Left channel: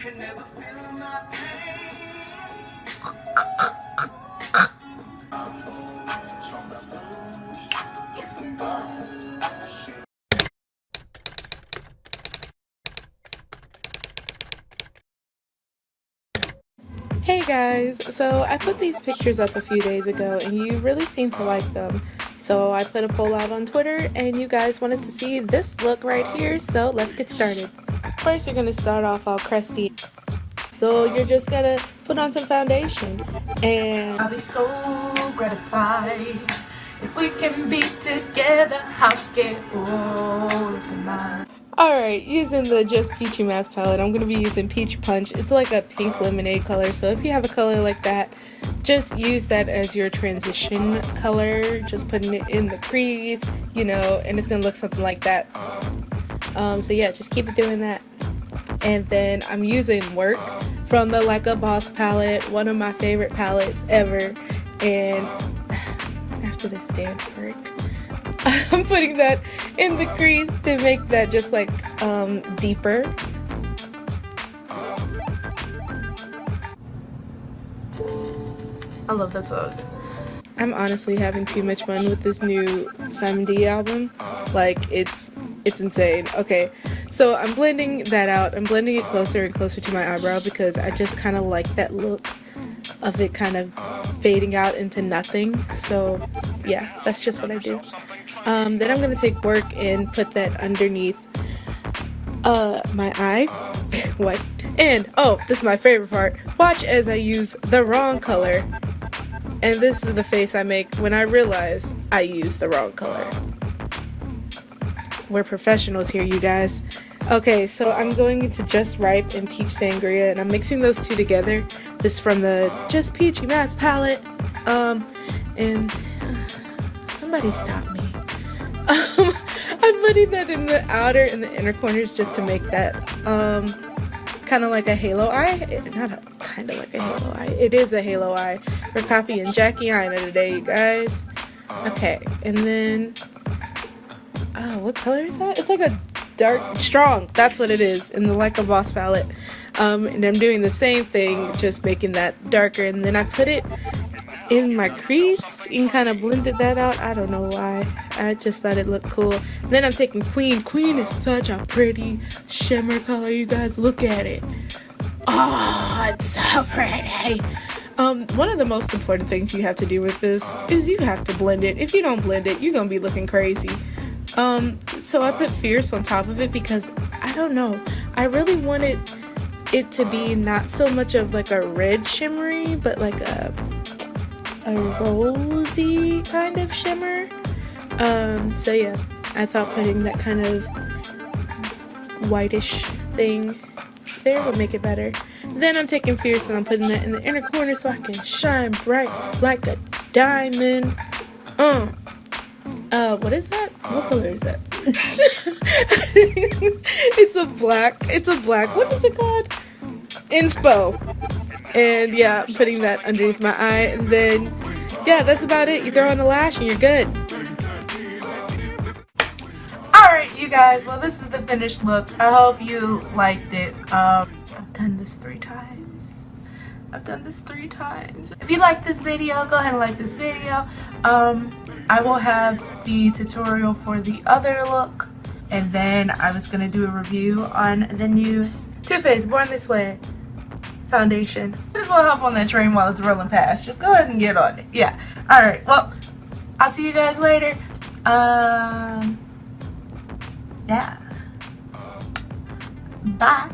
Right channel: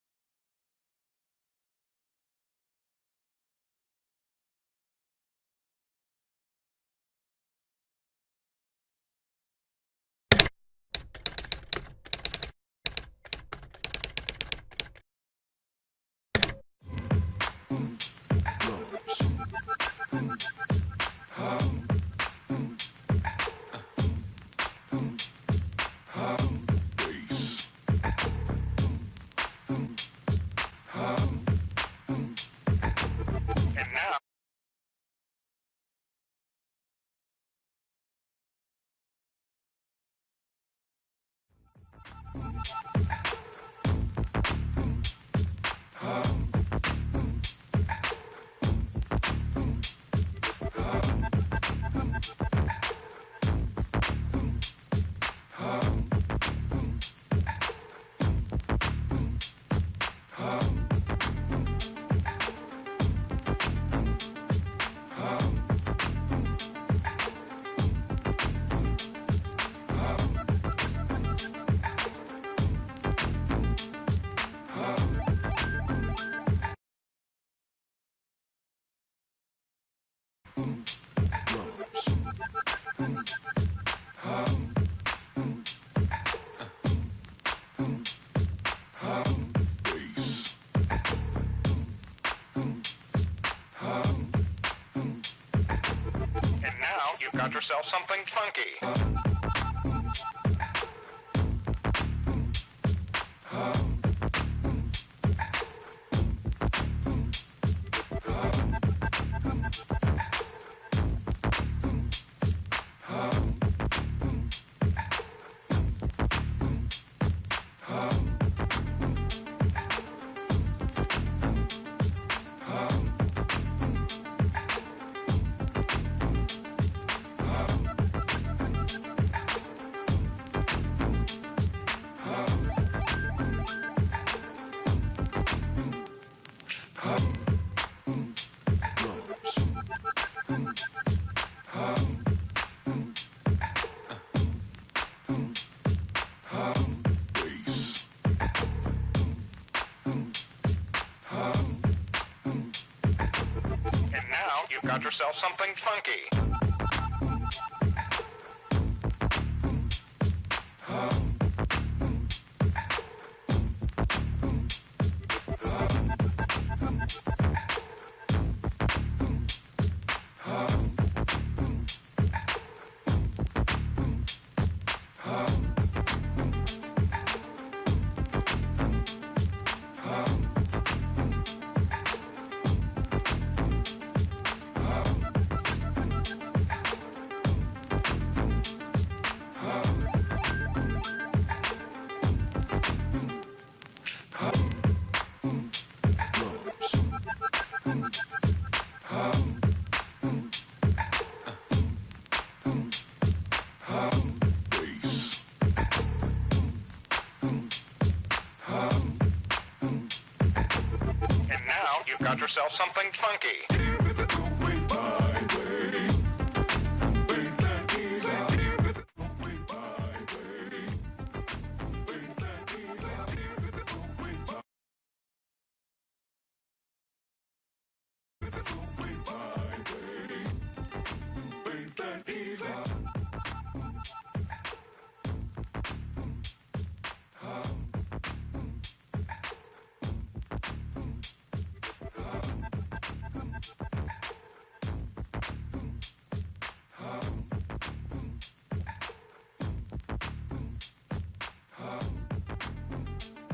Hey guys, so I put these pictures up a few days ago and you really seem to like them. So I put a poll out on Twitter and you guys wanted to see this look right here, so let's get started. First you're going to start off all crusty. So you're just going to put on some foundation. And I'll be so gratified if we can be together. I'll get all of mine. Alright, using the Just Peachy Mask palette, I'm going to be using Peach Punch. It's like a pink lemonade color, so if you have a color like that, just use that as your transition color. Just putting it in the crease, you know, and it's going to look something like that. So yeah, just keep it doing that. And then I'm using Work from the Like a Boss palette, one of my favorite palettes ever. And after this dance break, I'm putting that in the crease to make that just like deeper. I love that song. I'm honestly having too much fun with this new SANGRIA album. Like, it's insane. Okay, so I'm blending that out. I'm blending it closer and closer to my eyebrow because I just kind of like that look of it kind of fading out into nothing. So yeah, that's just what I do. Then I'm going to take Work and put that underneath my eye. What? And, oh, this is my favorite part. Watch as I use the wrong color. And this is the face I make when I realize I use the wrong color. We're professionals here, you guys. Okay, so I'm going into Just Ripe and Peach Sangria, and I'm mixing those two together. This is from the Just Peachy Mask palette. And somebody stop me. I'm putting that in the outer and the inner corners just to make that kind of like a halo eye. Not a kind of like a halo eye. It is a halo eye. We're copying Jackie Aina today, you guys. Okay, and then what color is that? It's like a dark strong. That's what it is in the Like a Boss palette. And I'm doing the same thing, just making that darker, and then I put it in my crease and kind of blended that out. I don't know why. I just thought it looked cool. And then I'm taking Queen. Queen is such a pretty shimmer color, you guys. Look at it. Oh, it's so pretty. One of the most important things you have to do with this is you have to blend it. If you don't blend it, you're gonna be looking crazy. So I put Fierce on top of it because, I don't know, I really wanted it to be not so much of like a red shimmery, but like a rosy kind of shimmer. So yeah, I thought putting that kind of whitish thing there would make it better. Then I'm taking Fierce and I'm putting that in the inner corner so I can shine bright like a diamond. What is that? What color is that? It's a black. It's a black. What is it called? Inspo. And yeah, I'm putting that underneath my eye. And then, yeah, that's about it. You throw on the lash and you're good. Alright, you guys, well, this is the finished look. I hope you liked it. I've done this 3 times. If you like this video, go ahead and like this video. I will have the tutorial for the other look, and then I was gonna do a review on the new Too Faced Born This Way foundation. I just want to hop on that train while it's rolling past. Just go ahead and get on it. Yeah. Alright, well, I'll see you guys later. Yeah. Bye.